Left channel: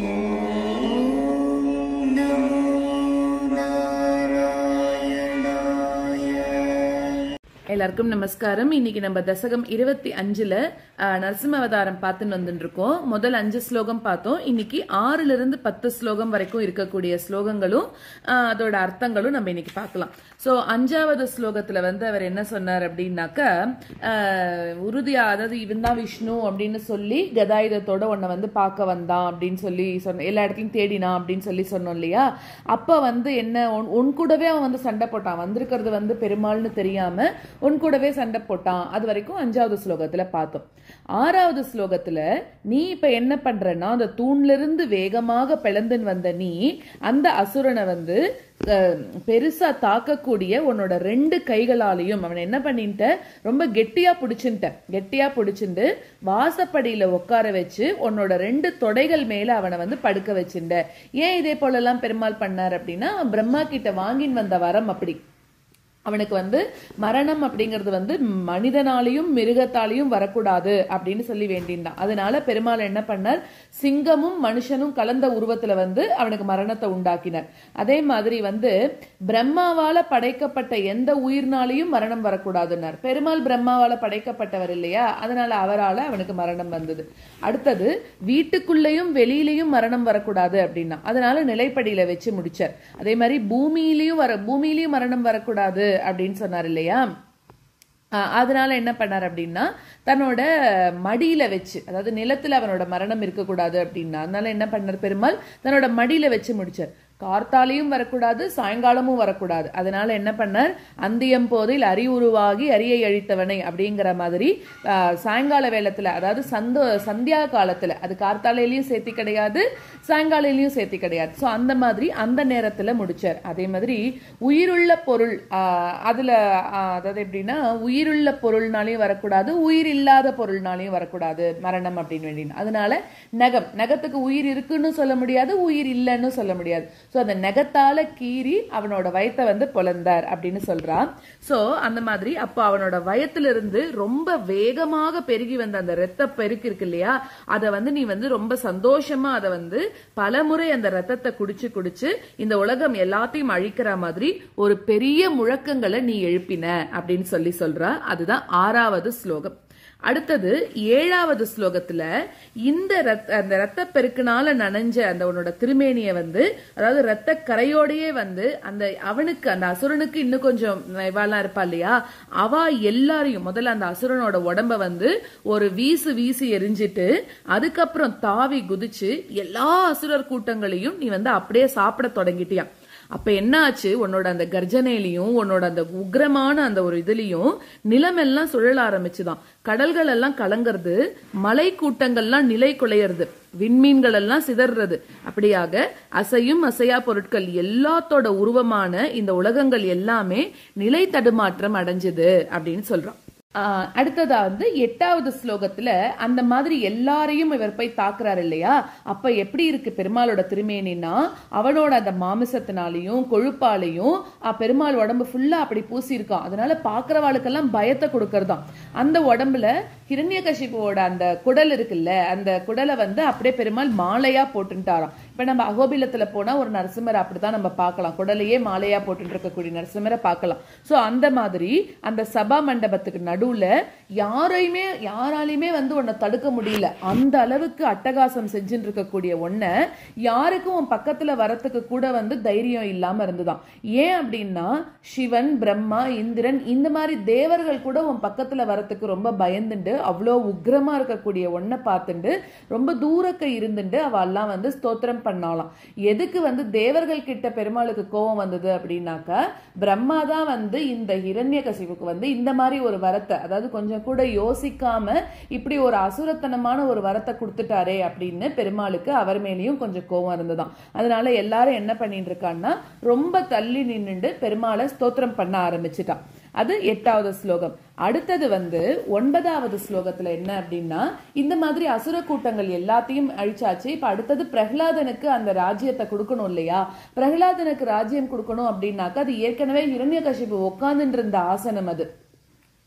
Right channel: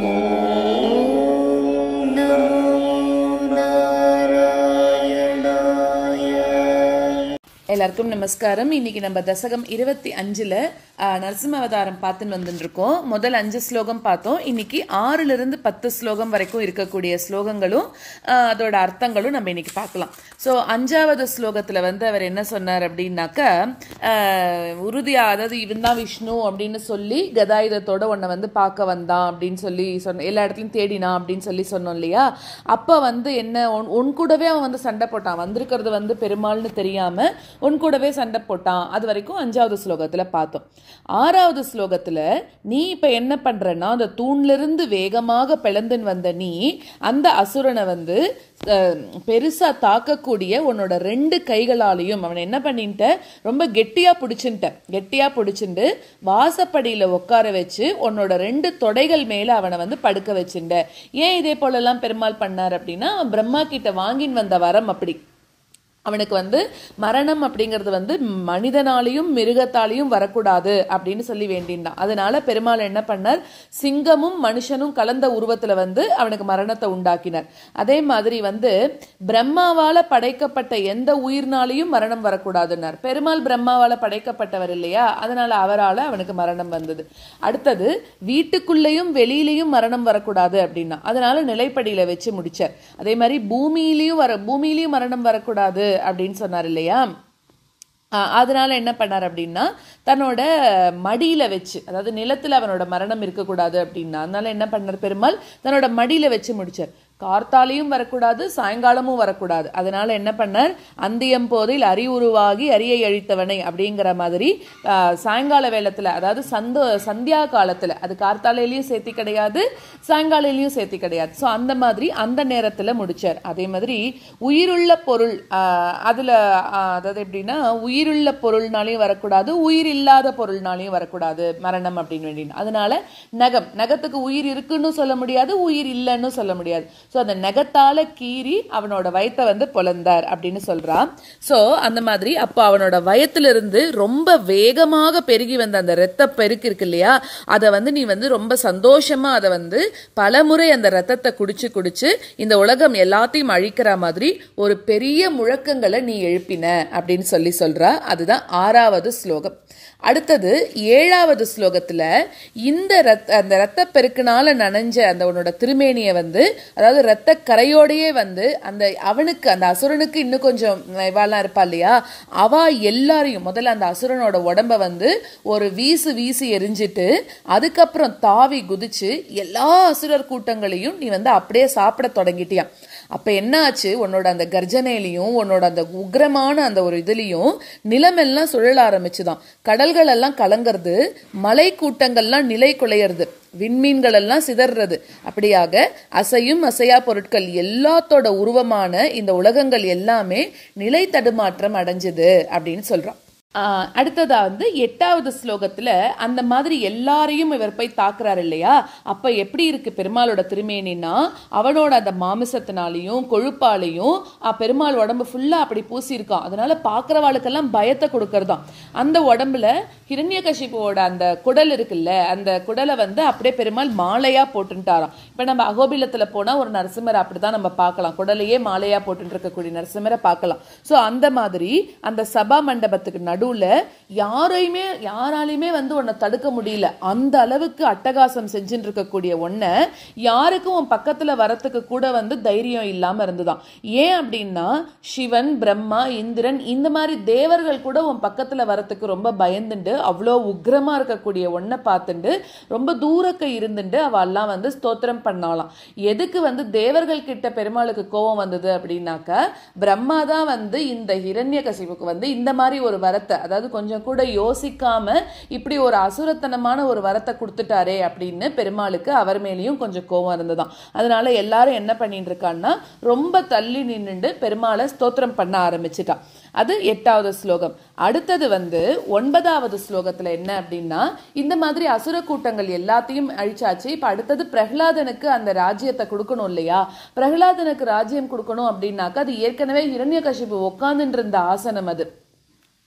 ஓம் நமோ நாராயணாய. எல்லாருக்கும் நமஸ்காரம். இன்னைக்கு நம்ம தசகம் 25ல நரசிம்ம அவதாரம் பார்த்துன்னு வந்துட்டு இருக்கோம். முதல் 5 ஸ்லோகம் பார்த்தோம். இன்னைக்கு 6ல இருந்து 10 ஸ்லோகம் வரைக்கும் இருக்கக்கூடிய ஸ்லோகங்களும் அதோட அர்த்தங்களும் நம்ம இன்னைக்கு பார்க்கலாம். ஸோ 5வது ஸ்லோகத்துல வந்து அவர் என்ன சொன்னார் அப்படின்னாக்கா, உறுதியா, அதாவது இவன் தான் விஷ்ணு அப்படின்னு சொல்லி கதாயுதத்தோட உன்னை வந்து பார்க்க வந்தான் அப்படின்னு சொல்லி சொன்ன, எல்லா இடத்துலையும் தேடினா அப்படின்னு சொல்லி சொன்னோம் இல்லையா. அப்ப வந்து என்ன, உன் கூடவே அவன் வந்து சண்டை போட்டான், வந்திருக்கிறது வந்து பெருமாள்னு தெரியாம உன் கூடவே சண்டை போட்டான். அது வரைக்கும் 5வது ஸ்லோகத்துல பார்த்தோம். 6வது ஸ்லோகத்துல நீ இப்ப என்ன பண்றன்னா, அந்த தூண்ல இருந்து வேகமாக பிளந்துன்னு வந்த நீ அந்த அசுரனை வந்து பெருசா தாக்கக்கூடிய உன்னோட 2 கைகளாலையும் அவனை என்ன பண்ணிட்ட, ரொம்ப கெட்டியா பிடிச்சுட்டு வாசப்படியில உட்கார வச்சு உன்னோட 2 தொடைகள் மேல அவனை வந்து படுக்க வச்சுட்ட. ஏன் இதே போல எல்லாம் பெருமாள் பண்ணார் அப்படின்னா, அவன் பிரம்மா கிட்ட வாங்கின்னு வந்த வரம் அப்படி. அவனுக்கு வந்து மரணம் அப்படிங்கிறது வந்து மனிதனாலையும் மிருகத்தாலையும் வரக்கூடாது அப்படின்னு சொல்லி வேண்டினான். அதனால பெருமாள் என்ன பண்ணார், சிங்கமும் மனுஷனும் கலந்த உருவத்துல வந்து அவனுக்கு மரணத்தை உண்டாக்கினார். அதே மாதிரி வந்து பிரம்மாவால படைக்கப்பட்ட எந்த உயிர்னாலையும் மரணம் வரக்கூடாதுன்னார். பெருமாள் பிரம்மாவால படைக்கப்பட்டவர் இல்லையா, அதனால அவரால் அவனுக்கு மரணம் வந்தது. அடுத்தது வீட்டுக்குள்ளேயும் வெளியிலையும் மரணம் வரக்கூடாது அப்படின்னா, அதனால நிலைப்படியில வச்சு முடிச்சார். அதே மாதிரி பூமியிலையும் மரணம் வரக்கூடாது அப்படின்னு சொன்னார் இல்லையா. அதனால என்ன பண்ணார் அப்படின்னா, தன்னோட மடியில வச்சு, அதாவது நிலத்துல அவனோட மரணம் இருக்கக்கூடாது அப்படின்னா, அதனால என்ன பண்ணார் பெருமாள், தன்னோட மடியில வச்சு முடிச்சார். கார்த்தாலையும் வரக்கூடாது, சாயங்காலமும் வரக்கூடாது. அதனால என்ன பண்ணார், அந்தியம் போதில் அறிவுருவாகி அரியை அழித்தவனை அப்படிங்கிற மாதிரி சாயங்கால வேளத்துல, அதாவது சந்தியா காலத்துல, அது கார்த்தாலையிலையும் சேர்த்தி கிடையாது, சாயங்காலையிலையும் சேர்த்தி கிடையாது. ஸோ அந்த மாதிரி அந்த நேரத்துல முடிச்சார். அதே மாதிரி உயிருள்ள பொருள், அதுல அதாவது எப்படின்னா, உயிருள்ள பொருள்னாலையும் வரக்கூடாது, உயிர் இல்லாத பொருள்னாலையும் வரக்கூடாது மரணம் அப்படின்னு வேண்டினா. அதனால நகத்துக்கு உயிர் இருக்குன்னு சொல்ல முடியாது, உயிர் இல்லைன்னு சொல்ல முடியாது. ஸோ அந்த நகத்தால கீறி அவனோட வயத்தை வந்து பொலந்தார் அப்படின்னு சொல்றான். ஸோ அந்த மாதிரி அப்போ அவனோட வயத்திலிருந்து ரொம்ப வேகமாக பெருகி வந்த அந்த ரத்த பெருக்கு இருக்கு இல்லையா, அதை வந்து நீ வந்து ரொம்ப சந்தோஷமா அதை வந்து பலமுறை அந்த ரத்தத்தை குடிச்சு இந்த உலகம் எல்லாத்தையும் அழிக்கிற மாதிரி ஒரு பெரிய முழக்கங்களை நீ எழுப்பின அப்படின்னு சொல்றா. அதுதான் 6வது ஸ்லோகம். அடுத்தது 7வது ஸ்லோகத்துல அந்த ரத்த பெருக்கினால நனைஞ்ச அந்த உன்னோட திருமேனியை வந்து, அதாவது ரத்த கரையோடையே வந்து அவனுக்கு அந்த அசுரனுக்கு இன்னும் கொஞ்சம் இவாலாம் இருப்பா இல்லையா, அவ எல்லாரையும் முதல்ல அந்த அசுரனோட உடம்ப வந்து ஒரு வீசி எரிஞ்சிட்டு அதுக்கப்புறம் தாவி குதிச்சு எல்லா அசுரர் கூட்டங்களையும் நீ வந்து அப்படியே சாப்பிட தொடங்கிட்டியா. அப்ப என்ன ஆச்சு, உன்னோட அந்த கர்ஜனையிலையும் உன்னோட அந்த உக்ரமான அந்த ஒரு இதுலயும் நிலமெல்லாம் சுழல ஆரம்பிச்சுதான், கடல்கள் எல்லாம் கலங்கிறது, மலை கூட்டங்கள்லாம் நிலை குலையிறது, விண்மீன்கள் எல்லாம் சிதறது. அப்படியாக அசையும் அசையா பொருட்கள் எல்லாத்தோட உருவமான இந்த உலகங்கள் எல்லாமே நிலை தடுமாற்றம் அடைஞ்சது அப்படின்னு சொல்றான். அடுத்ததா வந்து 8வது ஸ்லோகத்துல அந்த மாதிரி எல்லாரையும் இவர் போய் தாக்குறாரு இல்லையா. அப்ப எப்படி இருக்கு பெருமாளோட திருமேனின்னா, அவனோட அந்த மாமிசத்தினாலையும் கொழுப்பாலையும் பெருமாள் உடம்பு ஃபுல்லா அப்படி பூசி இருக்கான். அதனால பாக்குறவாளுக்கெல்லாம் பயத்தை கொடுக்கறதாம். அந்த உடம்புல ஹிரண்யகசிபுவோட அந்த குடல் இருக்குல்ல, அந்த குடலை வந்து அப்படியே பெருமாள் மாலையா போட்டுட்டாராம். இப்ப நம்ம அகோபிலத்துல போனா ஒரு நரசிம்மரை அப்படிதான் நம்ம பார்க்கலாம், குடலையே மாலையா போட்டு இருக்கக்கூடிய நரசிம்மரை பார்க்கலாம். சோ அந்த மாதிரி அந்த சபா மண்டபத்துக்கு நடுவுல யாராலையுமே வந்து உன்னை தடுக்க முடியல, அந்த அளவுக்கு அட்டகாசம் செஞ்சுட்டு இருக்கக்கூடிய ஒன்ன யாருக்கும் உன் பக்கத்துல வரத்துக்கு கூட வந்து தைரியம் இல்லாம இருந்துதான். ஏன் அப்படின்னா, சிவன், பிரம்மா, இந்திரன் இந்த மாதிரி தேவர்கள் கூட உன் பக்கத்துல வரத்துக்கு ரொம்ப பயந்துண்டு அவ்வளோ உக்ரமா இருக்கக்கூடிய ஒன்ன பார்த்துட்டு ரொம்ப தூரக்க இருந்துட்டு அவெல்லாம் வந்து ஸ்தோத்திரம் பண்ணாலாம். எதுக்கு வந்து தேவர்கள் கிட்ட பெருமாளுக்கு கோபம் வந்தது அப்படின்னாக்க, பிரம்மா தான் வந்து இந்த ஹிரண்யகசிபுக்கு வந்து இந்த மாதிரி ஒரு வரத்தை, அதாவது கொஞ்சம் கூட யோசிக்காம இப்படி ஒரு அசுரத்தனமான ஒரு வரத்தை கொடுத்துட்டாரே அப்படின்னு பெருமாளுக்கு அவர் மேலேயும் கொஞ்சம் கோபம் இருந்ததாம். அதனால எல்லாரும் என்ன பண்ணிட்டு இருக்கான்னா, ரொம்ப தள்ளி நின்னுண்டு பெருமாளை ஸ்தோத்திரம் பண்ண ஆரம்பிச்சுட்டான். அது 8வது ஸ்லோகம். அடுத்தது வந்து 9வது ஸ்லோகத்துல என்ன அப்படின்னா, இந்த மாதிரி அசுர கூட்டங்கள் எல்லாத்தையும் அழிச்சாச்சு. இப்ப அடுத்தது பிரகலாதனுக்கு அந்த ராஜ்யத்தை கொடுக்கணும் இல்லையா. பிரகலாதனுக்கு ராஜ்யம் கொடுக்கணும் அப்படின்னாக்கா, அது ஏற்கனவே ஹிரண்யகசிபு உட்கார்ந்துட்டு இருந்த ஆசனம். அது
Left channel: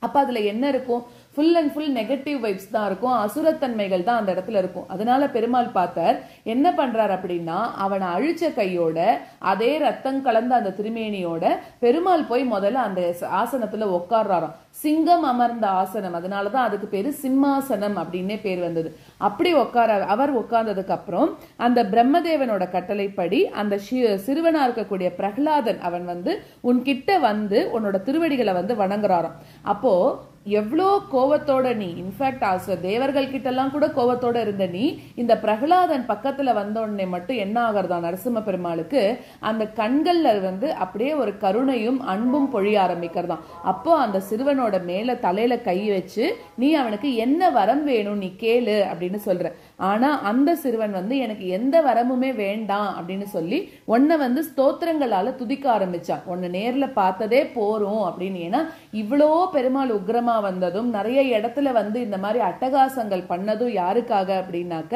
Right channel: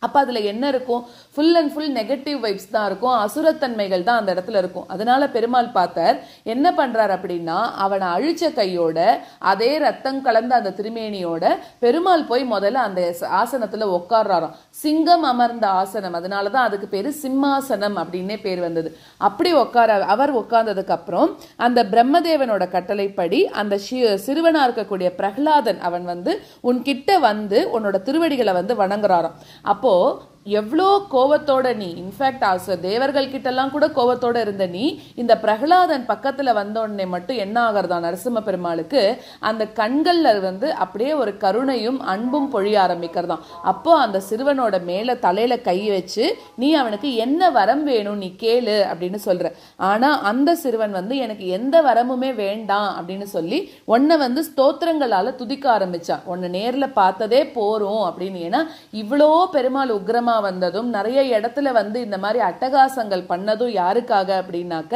அப்ப அதுல என்ன இருக்கும்? Full and full negative vibes தான் இருக்கும், அசுரத்தன்மைகள் தான் அந்த இடத்துல இருக்கும். அதனால பெருமாள் பார்த்தார், என்ன பண்றார் அப்படின்னா, அவனை அழிச்ச கையோட அதே ரத்தம் கலந்த அந்த திருமேனியோட பெருமாள் போய் முதல்ல அந்த ஆசனத்துல உட்கார்றாராம். சிங்கம் அமர்ந்த ஆசனம், அதனாலதான் அதுக்கு பேரு சிம்மாசனம் அப்படின்னே பேர் வந்தது. அப்படி அவர் உட்கார்ந்ததுக்கு அப்புறம் அந்த பிரம்மதேவனோட கட்டளைப்படி அந்த சிறுவனா இருக்கக்கூடிய பிரகலாதன் அவன் உன்கிட்ட உன்னோட திருவடிகளை வணங்குறாராம். அப்போ எவ்வளோ கோவத்தோட நீ, இன்ஃபேக்ட் தேவர்கள் கிட்ட எல்லாம் கூட கோவத்தோட இருந்த நீ, இந்த பிரகலாதன் பக்கத்துல வந்தோடனே மட்டும் என்ன ஆகிறதா நரசிம்ம பெருமாளுக்கு அந்த கண்கள்ல அப்படியே ஒரு கருணையும் அன்பும் பொழிய ஆரம்பிக்கிறதாம். அப்போ அந்த சிறுவனோட மேல தலையில கை வச்சு, நீ அவனுக்கு என்ன வரம் வேணும் நீ கேளு அப்படின்னு சொல்ற. ஆனா அந்த சிறுவன் எனக்கு எந்த வரமுமே வேண்டாம் அப்படின்னு சொல்லி உன்னை ஸ்தோத்திரங்களால துதிக்க ஆரம்பிச்சான். உன்னை நேர்ல பார்த்ததே போறோம் அப்படின்னு. ஏன்னா இவ்வளோ பெருமாள் உக்ரமா வந்ததும் நிறைய இடத்துல இந்த மாதிரி அட்டகாசங்கள் பண்ணதும் யாருக்காக அப்படின்னாக்க,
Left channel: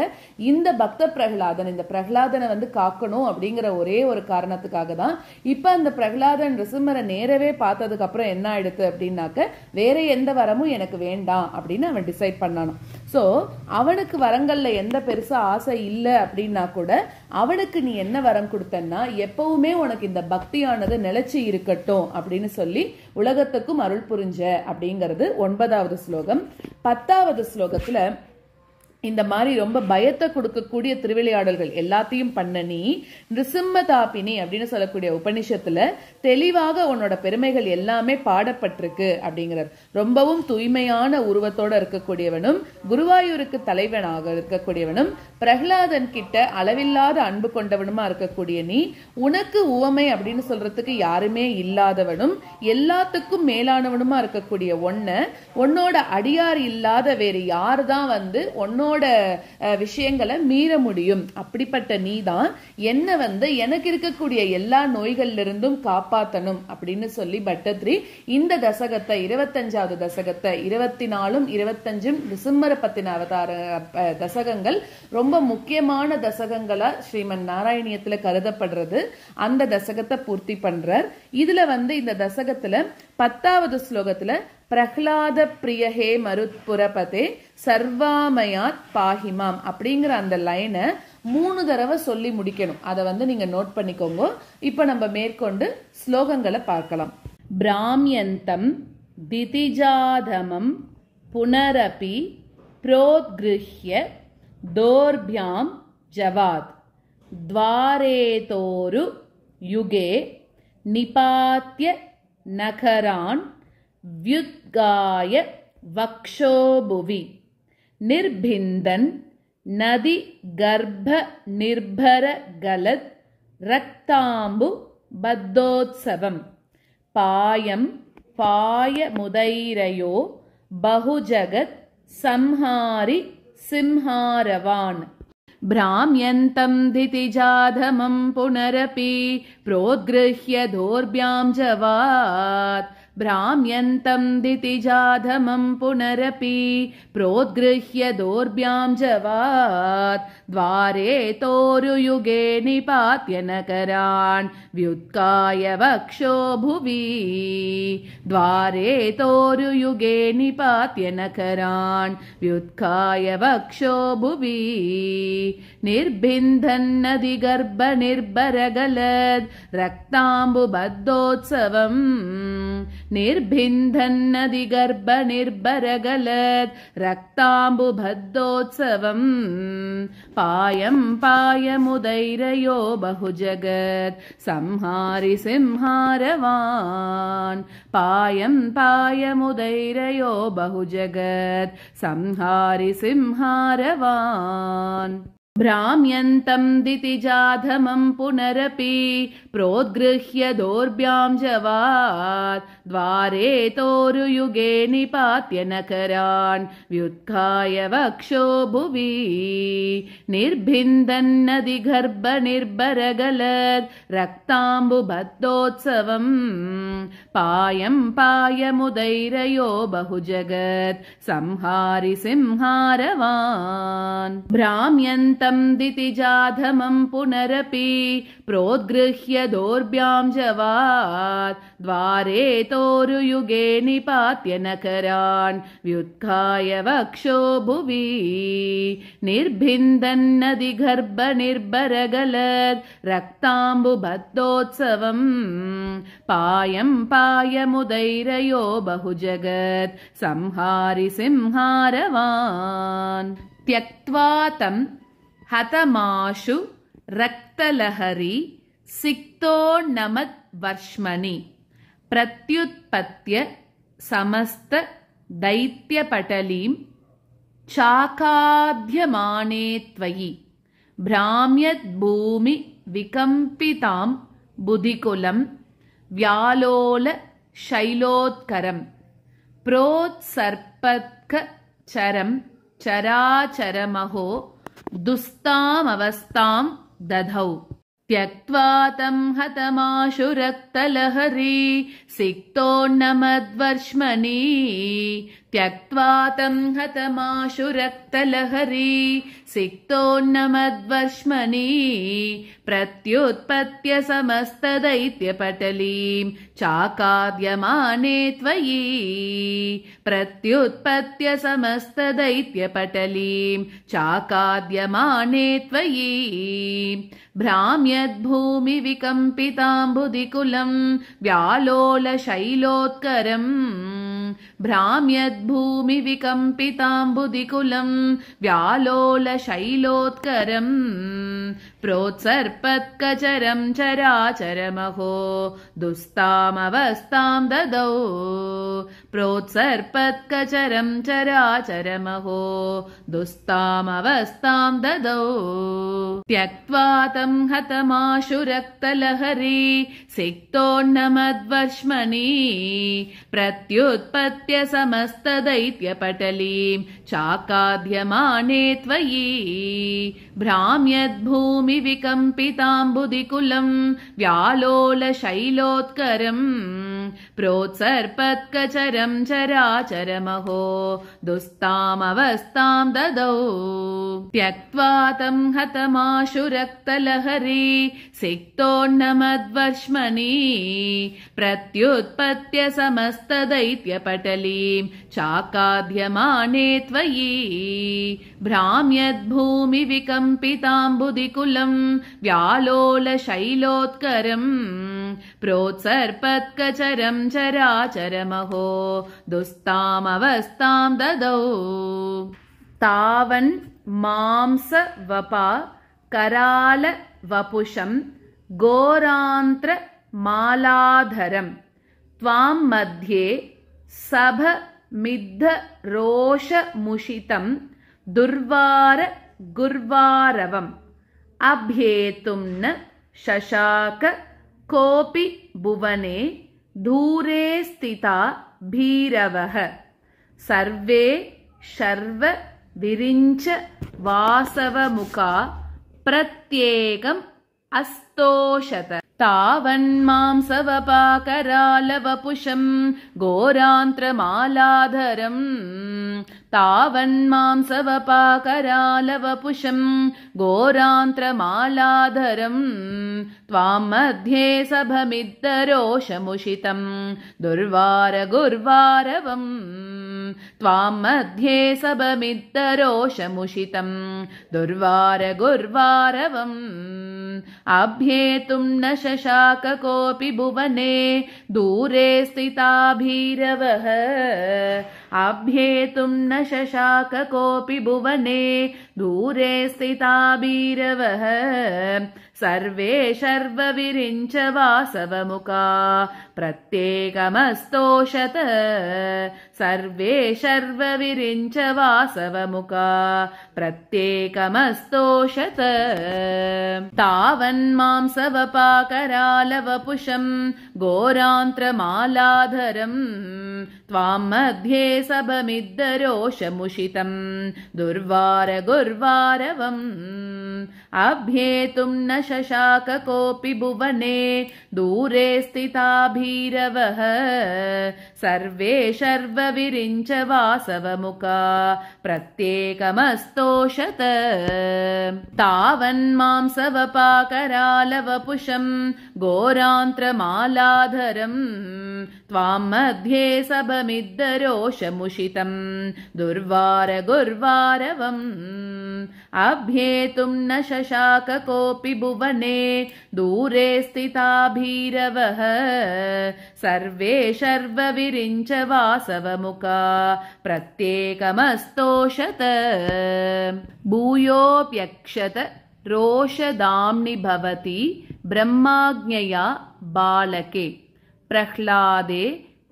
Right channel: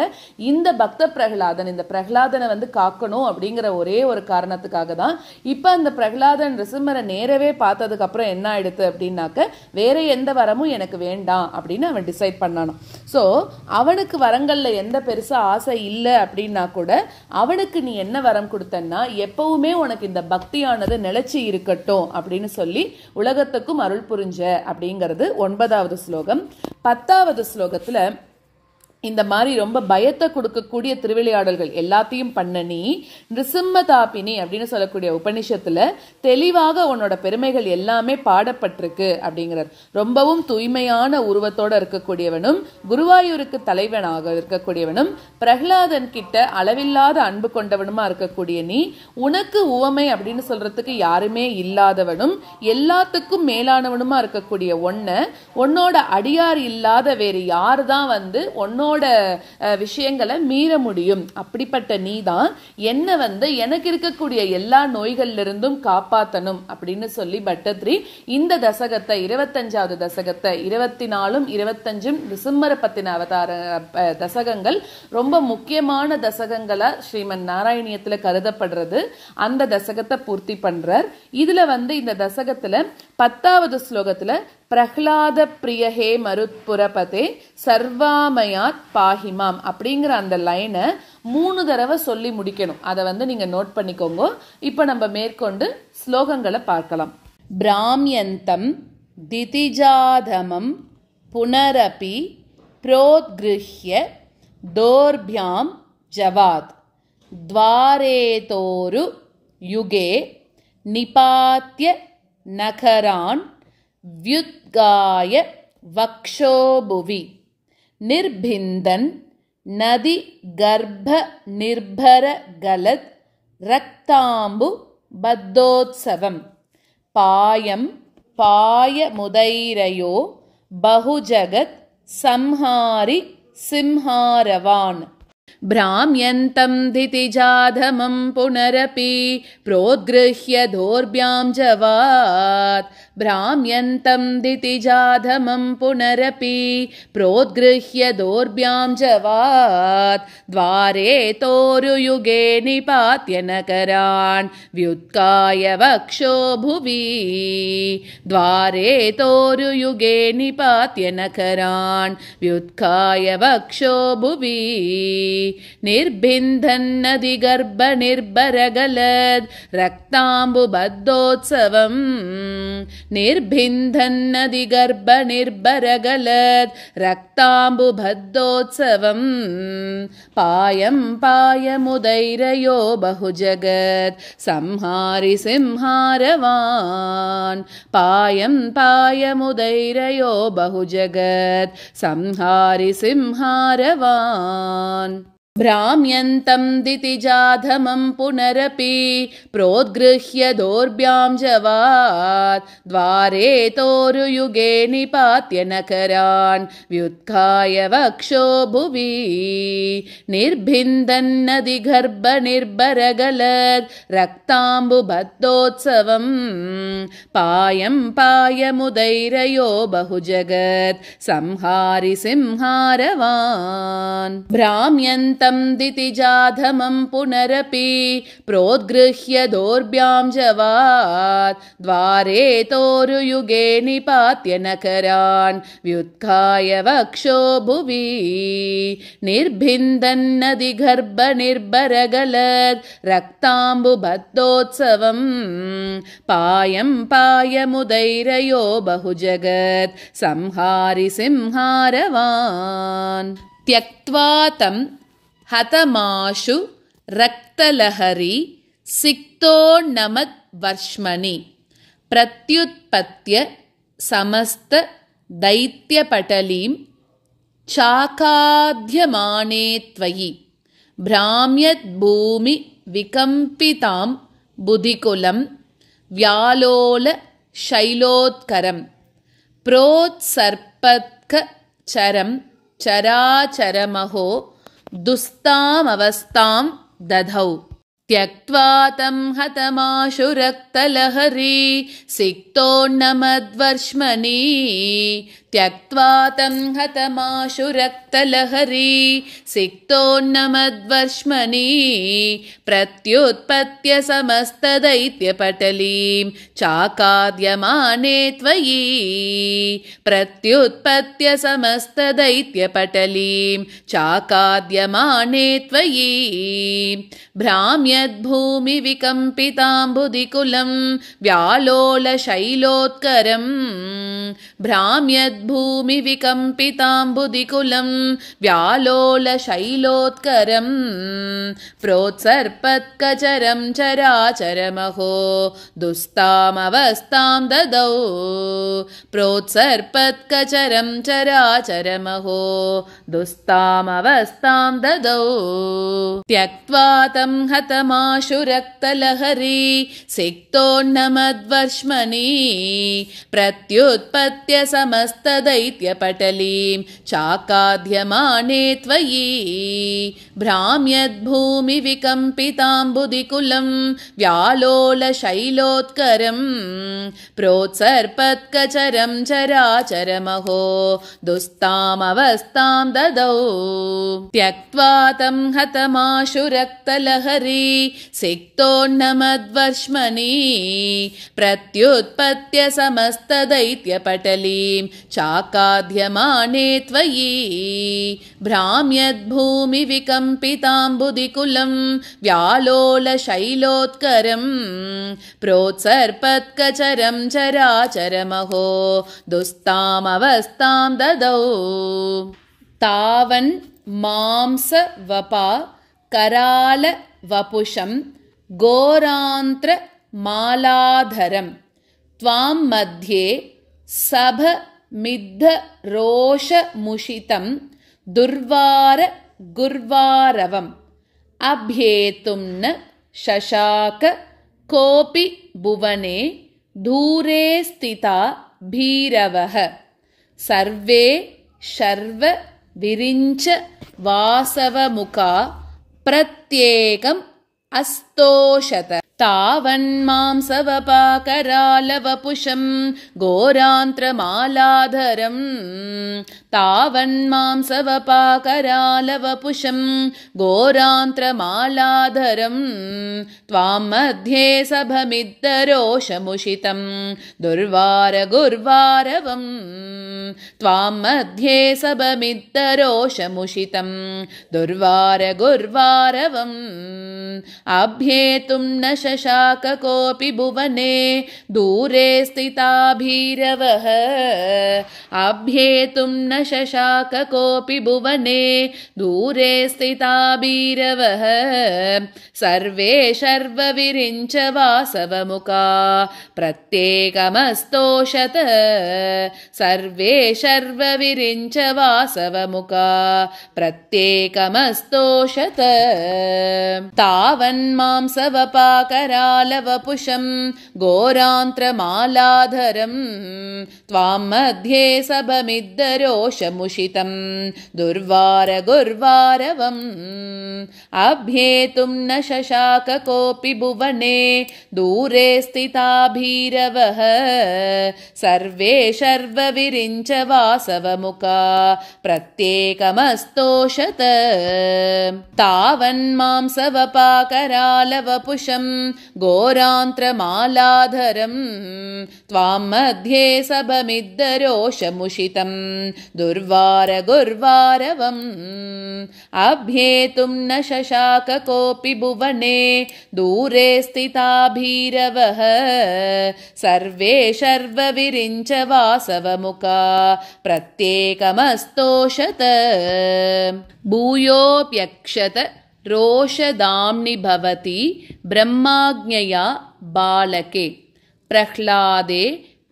இந்த பக்த பிரகலாதன், இந்த பிரகலாதனை காக்கணும் அப்படிங்கிற ஒரே ஒரு காரணத்துக்காக தான். இப்ப அந்த பிரகலாதன் ரிசிம்மரை நேரவே பார்த்ததுக்கு அப்புறம் என்ன ஆயிடுது அப்படின்னாக்க, வேற எந்த வரமும் எனக்கு வேண்டாம் அப்படின்னு அவன் டிசைட் பண்ணானாம். சோ அவனுக்கு வரங்கள்ல எந்த பெருசா ஆசை இல்லை அப்படின்னா கூட, அவனுக்கு நீ என்ன வரம் கொடுத்தன்னா, எப்பவுமே உனக்கு இந்த பக்தியானது நிலைச்சி இருக்கட்டும் அப்படின்னு சொல்லி உலகத்துக்கும் அருள் புரிஞ்ச அப்படிங்கிறது 9வது ஸ்லோகம். 10வது ஸ்லோகத்துல இந்த மாதிரி ரொம்ப பயத்தை கொடுக்கக்கூடிய திருவிளையாடல்கள் எல்லாத்தையும் பண்ண நீ நிருசிம்மதாபினி அப்படின்னு சொல்லக்கூடிய உபனிஷத்துல தெளிவாக உன்னோட பெருமைகள் எல்லாமே பாடப்பட்டிருக்கு அப்படிங்கிறார். ரொம்பவும் தூய்மையான உருவத்தோட இருக்கக்கூடியவனும், குருவாயூருக்கு தலைவனாக இருக்கக்கூடியவனும், பிரகலாதன் கிட்ட அளவில்லாத அன்பு கொண்டவனுமா இருக்கக்கூடிய நீ, உனக்கு உவமை அப்படின்னு சொல்றதுக்கு யாருமே இல்லாதவனும், எல்லாத்துக்கும் மேலானவனுமா இருக்கக்கூடிய உன்னோட அடியார் இல்லாத வேறு யாருதான் உன்னோட விஷயங்களை மீற முடியும்? அப்படிப்பட்ட நீதான் என்ன எனக்கு இருக்கக்கூடிய எல்லா நோய்கள்ல இருந்தும் காப்பாத்தணும் அப்படின்னு சொல்லி பட்டத்ரி இந்த தசகத்தை, 25வது தசகத்தை, 24ம் 25ம் நிருசிம்மரை பத்தின அவதார தசகங்கள் ரொம்ப முக்கியமான தசகங்களா ஸ்ரீமன் நாராயணியத்துல கருதப்படுறது. அந்த தசகத்தை பூர்த்தி பண்றார். இதுல இந்த தசகத்துல 10வது ஸ்லோகத்துல பிரஹ்லாத பிரியஹே மருத்புரபதே சர்வாமயாத் பாஹிமாம் அப்படிங்கிற அந்த லைனை 3 தடவை சொல்லி முடிக்கணும். அதை நீங்க நோட் பண்ணிக்கோங்க. இப்ப நம்ம மேற்கொண்டு ஸ்லோகங்களை பார்க்கலாம். பிராம்யந்தம் திதிஜாதமம் புனரபி ப்ரோத்கிருஹ்ய தோர்பியாம் ஜவாத் த்வாரேதோரு யுகே நிபாத்ய நகரான் व्युद्गाय वक्षोभुवि निर्भिन्दन् नदी गर्भ निर्भर गलद रक्तांबु बद्धोत्सवम् पायं पायमुदैरयो बहुजगत् संहारि सिंहारवान् भ्राम्यन्तं धितिजाधमं पुनरपि प्रोद्गृह्य दोर्भ्यां जवात् भ्राम्यन्तं धितिजाधमं पुनरपि प्रोद्गृह्य दोर्भ्यां जवात् द्वारे तोरुयुगे निपात्य नकरान् व्युत्काय वक्षो भुवि द्वारे तोरुयुगे निपात्य नकरान् व्युत्काय वक्षो भुवि निर्भिन्दन्नदिगर्भ निर्भरगलद् रक्ताम्बुबद्धोत्सवम् निर्भिन्दन्नदिगर्भ निर्भरगलद् रक्ताम्बुबद्धोत्सवम् पायं पायमुदैरयो बहुजगत् संहारि सिंहारवान् पायं पायमुदैरयो बहुजगत् संहारि सिंहारवान् भ्राम्यन्तं दितिजाधमं पुनरपि प्रोद्गृह्य दोर्भ्यां जवात् द्वारे तोरुयुगे निपात्य नकरान् व्युत्काय वक्षो भुवि निर्भिन्दन्नदिगर्भ निर्भरगलद् रक्ताम्बुबद्धोत्सवम् पायं पायमुदैरयो बहुजगत् संहारि सिंहारवान् भ्राम्यन्तं तं दितिजाधमं पुनरपि प्रोद्गृह्य दोर्भ्यां जवात् द्वारे तोरुयुगे निपात्य नकरान् व्युत्थाय वक्षो भुवि निर्भिन्दन्नदिगर्भ निर्भरगलद् रक्ताम्बुबद्धोत्सवम् पायं पायमुदैरयो बहुजगत् संहारि सिंहारवान् त्यक्त्वा तं हतमाशु रक्तलहरी सिक्तो नमद्वर्ष्मणि प्रत्युत्पत्य समस्त दैत्यपटलीं चाकाद्यमाने त्वयि भ्राम्यद्भूमि विकम्पितां बुधिकुलं व्यालोल शैलोत्करं प्रोत्सर्पत्क चरं चराचरमहो दुस्तामवस्थां दधौ त्यक्त्वा तं हतमाशु रक्तलहरी सिक्तोन्नमद्वर्ष्मणि त्यक्त्वा तं हतमाशु रक्तलहरी सिक्तोन्नमद्वर्ष्मणि प्रत्युत्पत्य समस्तदैत्यपटलीं चाकाद्यमाने त्वयि प्रत्युत्पत्य समस्तदैत्यपटलीं चाकाद्यमाने त्वयि भ्राम्यद्भूमि विकम्पिताम्बुधिकुलं व्यालोलशैलोत्करम् भ्राम्यद्भूमि विकम्पिताम्बुधिकुलं व्यालोलशैलोत्करम् प्रोत्सर्पत्कचरं चराचरमहो दुस्तामवस्थां ददौ प्रोत्सर्पत्कचरं चराचरमहो दुस्तामवस्थां ददौ त्यक्त्वा तं हतमाशु रक्तलहरी सिक्तोन्नमद्वर्ष्मणि प्रत्युत्पत्य समस्तदैत्यपटलीं चाकाद्यमाने त्वयि भ्राम्यद्भूमि विकम्पिताम्बुधिकुलं व्यालोलशैलोत्करम् प्रोत्सर्पत्कचरं चराचरमहो दुस्तामवस्थां ददौ त्यक्त्वा तं हतमाशु रक्तलहरी सिक्तोन्नमद्वर्ष्मनि प्रत्युत्पत्य समस्तदैत्यपटलीं चाकाद्यमाने त्वयि भ्राम्यद्भूमि विकम्पिताम्बुधिकुलं व्यालोलशैलोत्करम् प्रोत्सर्पत्कचरं चराचरमहो दुस्तामवस्थां ददौ तावन् मांसवपा कराल वपुषं घोरान्त्रमालाधरं त्वां मध्ये सभमिद्धरोषमुषितं दुर्वार गुर्वारवम् अभ्येतुं न शशाक कोऽपि भुवने दूरे स्थिता भीरवः सर्वे शर्व विरिञ्च वासवमुखा प्रत्येकम् अस्तोषत तावन्मांसवपाकरालवपुषं घोरान्त्रमालाधरम् तावन्मांसवपाकरालवपुषं घोरान्त्रमालाधरम् त्वां मध्ये सभमिद्धरोषमुषितं दुर्वारगुर्वारवम् त्वां मध्ये सभमिद्धरोषमुषितं दुर्वारगुर्वारवम् अभ्येतुं न शशाक कोऽपि भुवने दूरे स्थिता भीरवः अभ्येतुं न शशाक कोऽपि भुवने दूरे स्थिता भीरवः सर्वे शर्वविरिञ्च वासवमुखा प्रत्येकमस्तोषत सर्वे शर्वविरिञ्च वासवमुखा प्रत्येकमस्तोषत तावन्मांसवपाक सवपाकरालवपुषं घोरान्त्रमालाधरं त्वां मध्ये सभमिद्धरोषमुषितं दुर्वारगुर्वारवम् अभ्येतुं न शशाक कोऽपि भुवने दूरे स्थिता भीरवः सर्वे शर्वविरिञ्च वासवमुखा प्रत्येकमस्तोषत तावन्मां सवपाकरालवपुषं घोरान्त्रमालाधरं त्वां मध्ये सभमिद्धरोषमुषितं दुर्वारगुर्वारवम् अभ्येतुं न शशाक कोऽपि भुवने दूरे स्थिता भीरवः सर्वे शर्वविरिञ्च वासवमुखा प्रत्येकमस्तोषत भूयोऽप्यक्षत रोषदाम्नि भवति ब्रह्माज्ञया बालके प्रह्लादे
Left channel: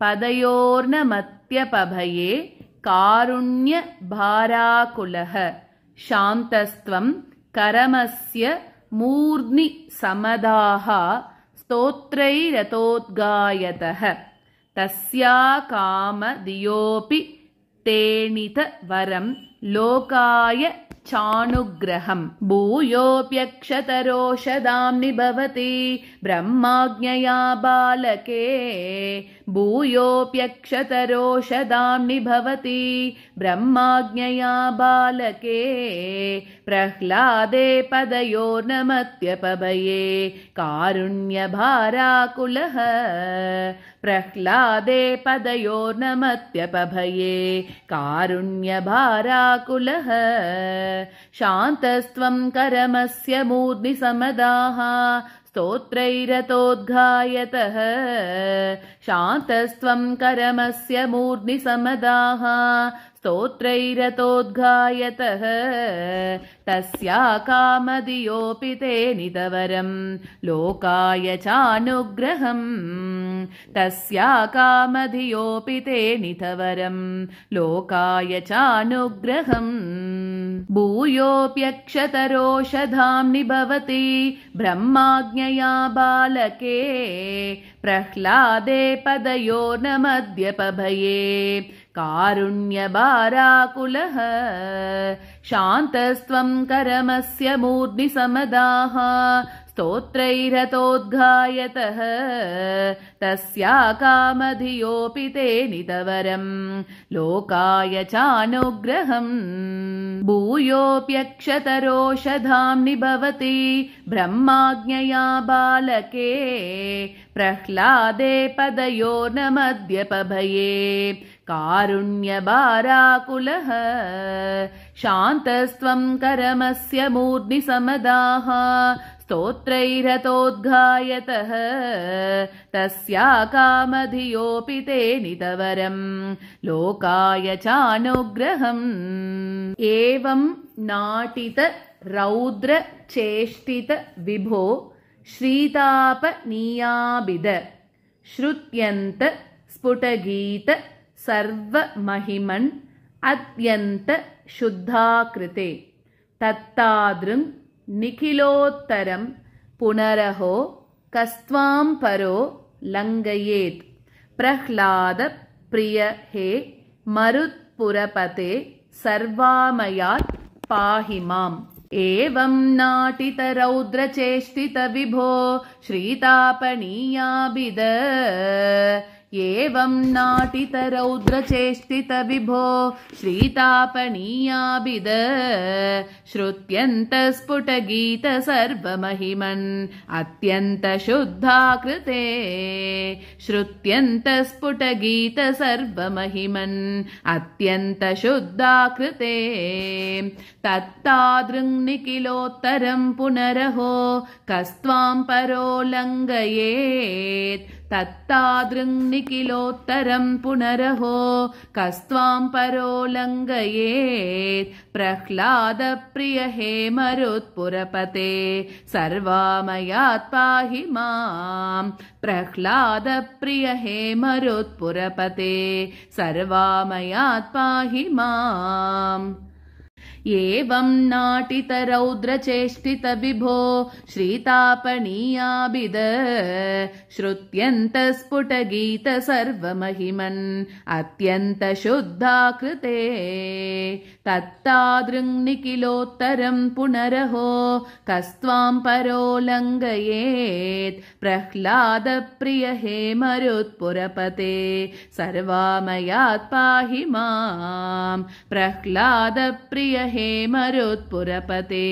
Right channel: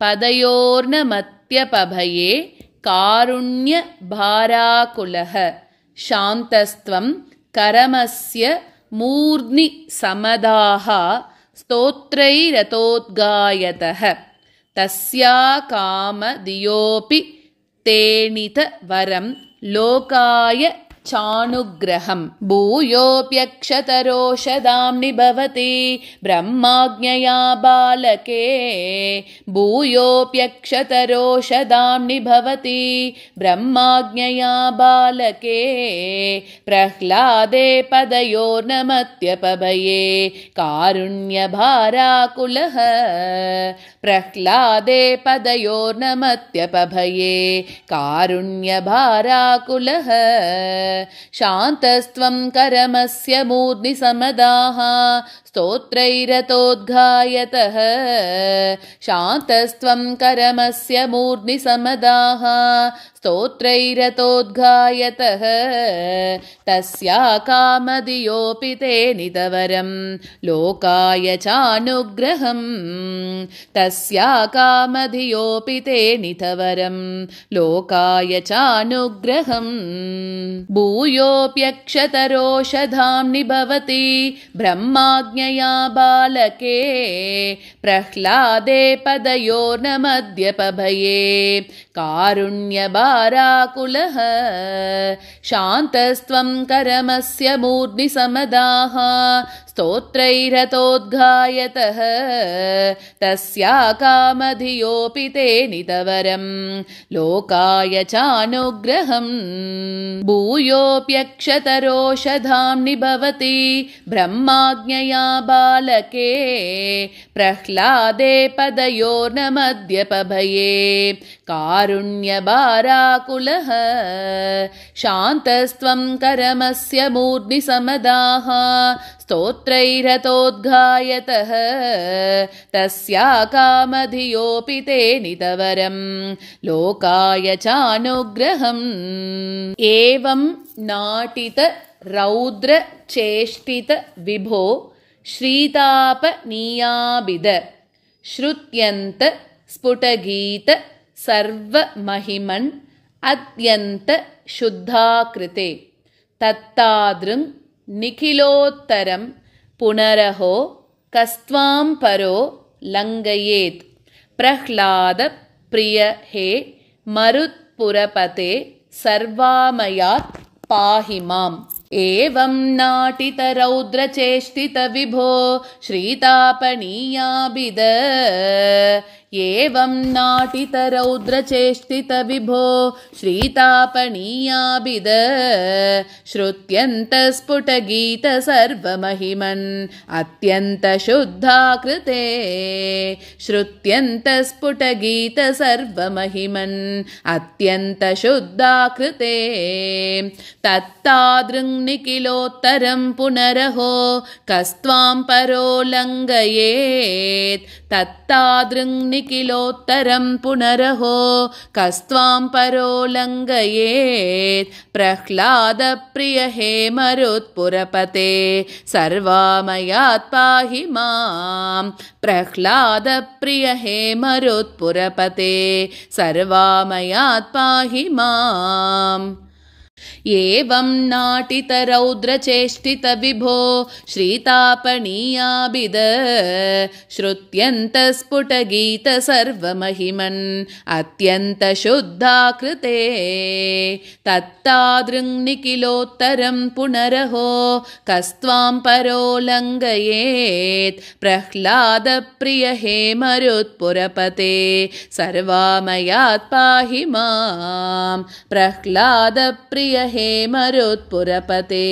पदयोर्नमत्यपभये कारुण्यभाराकुलः शान्तस्त्वं करमस्य मूर्ध्नि समदाः स्तोत्रैरतोद्गायतः तस्या कामधियोऽपि तेनित वरं लोकाय चानुग्रहं भूयोऽप्यक्षतरोषदाम्नि भवति ब्रह्माज्ञया बालके भूयोऽप्यक्षतरोषदाम्नि भवति ब्रह्माज्ञया बालके प्रह्लादे पदयोर्नमत्यपभये कारुण्यभाराकुलः प्रह्लादे पदयोर्नमत्यपभये कारुण्यभाराकुलः शान्तस्त्वं करमस्य मूर्ध्नि समदाः स्तोत्रैरतोद्गायतः शान्तस्त्वं करमस्य मूर्ध्नि समदाः स्तोत्रैरतोद्गायतः तस्या कामधियोऽपि ते नितवरं लोकाय चानुग्रहं तस्या कामधियोऽपि ते नितवरं लोकाय चानुग्रहं भूयोऽप्यक्षतरोषधाम्नि भवति ब्रह्माज्ञया बालके प्रह्लादे पदयोर्नमद्यपभये कारुण्यभाराकुलः शान्तस्त्वं करमस्य मूर्ध्नि समदाः स्तोत्रैरतोद्गायतः तस्या कामधियोऽपि ते नितवरं लोकाय चानुग्रहं भूयोऽप्यक्षतरोषधाम्नि भवति ब्रह्माज्ञया बालके प्रह्लादे पदयोर्नमद्यपभये कारुण्यभाराकुलः शान्तस्त्वं करमस्य मूर्ध्नि समदाः स्तोत्रैरतोद्गायतः तस्या कामधियोऽपि ते नितवरं लोकाय चानुग्रहं एवं नाटित रौद्र चेष्टित विभो श्रीतापनीयाभिद श्रुत्यन्त स्फुटगीत सर्वमहिमन् अत्यन्त शुद्धाकृते तत्तादृङ् निखिलोत्तरं पुनरहो कस्त्वां परो लङ्घयेत् प्रह्लाद प्रिय हे मरुत्पुरपते सर्वामयात् पाहि माम् एवं नाटित रौद्रचेष्टित विभो श्रीतापनीयाभिद एवं नाटित रौद्रचेष्टित विभो श्रीतापनीयाभिद श्रुत्यन्त स्फुटगीत सर्वमहिमन् अत्यन्त शुद्धाकृते श्रुत्यन्त स्फुटगीत सर्वमहिमन् अत्यन्त शुद्धाकृते तत्तादृङ् निखिलोत्तरं पुनरहो कस्त्वां परो लङ्घयेत् तत्तादृङ् निखिलोत्तरं पुनरहो कस्त्वां परो लङ्घयेत् प्रह्लाद प्रिय हे मरुत्पुरपते सर्वामयात् पाहि माम् प्रह्लाद प्रिय हे मरुत्पुरपते सर्वामयात् पाहि माम् एवं नाटितरौद्रचेष्टितविभो श्रीतापनीयाभिद श्रुत्यन्तस्फुटगीतसर्वमहिमन् अत्यन्तशुद्धाकृते तत्तादृङ्निखिलोत्तरं पुनरहो कस्त्वां परोल्लङ्घयेत् प्रह्लादप्रिय हे मरुत्पुरपते सर्वामयात् पाहि मां प्रह्लादप्रिय हे मरुत्पुरपते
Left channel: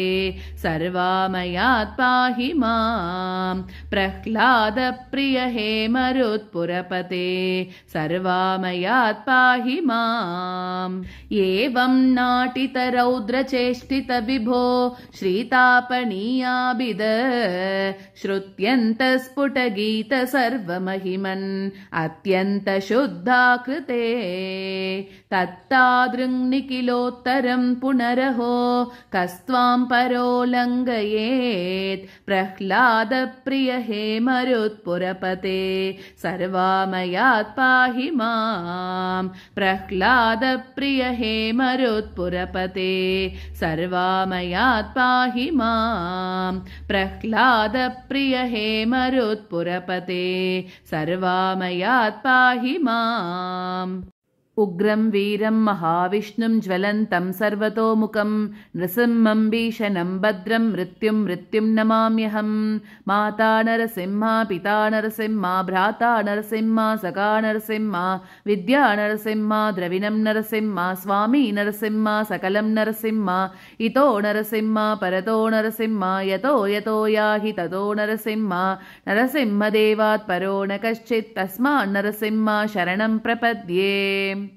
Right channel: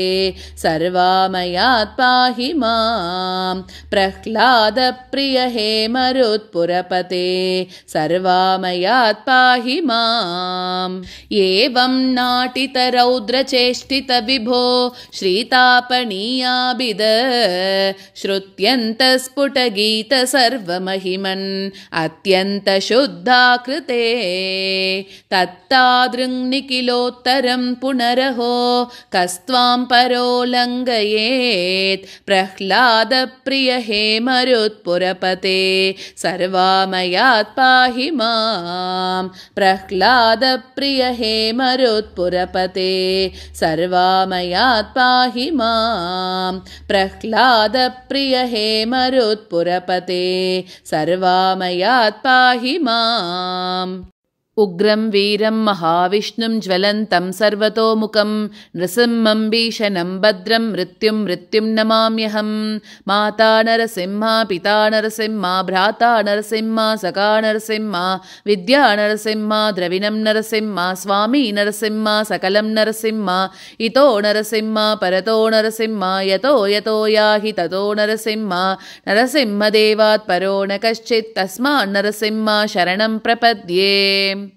सर्वामयात् पाहि मां प्रह्लादप्रिय हे मरुत्पुरपते सर्वामयात् पाहि माम् एवं नाटितरौद्रचेष्टितविभो श्रीतापनीयाभिद श्रुत्यन्तस्फुटगीतसर्वमहिमन् अत्यन्तशुद्धाकृते तत्तादृङ्निखिलोत्तरं पुनरहो कस्त्वां परोल्लङ्घयेत् प्रह्लादप्रिय हे मरुत्पुरपते सर्वामयात् पाहि मां प्रह्लादप्रिय हे मरुत्पुरपते सर्वामयात् पाहि मां प्रह्लादप्रिय हे मरुत्पुरपते सर्वामयात् पाहि माम् उग्रं वीरं महाविष्णुं ज्वलन्तं सर्वतोमुखं नृसिंहं भीषणं भद्रं मृत्युं नमाम्यहं माता नरसिंहा पिता नरसिंहा भ्राता नरसिंहा सखा नरसिंहा विद्या नरसिंहा द्रविणं नरसिंहा स्वामी नरसिंहा सकलं नरसिंहा इतो नरसिंहा परतो नरसिंहा यतो यतो याहि ततो नरसिंहा नरसिंहदेवात् परो न कश्चित् तस्मात् नरसिंहा शरणं प्रपद्ये।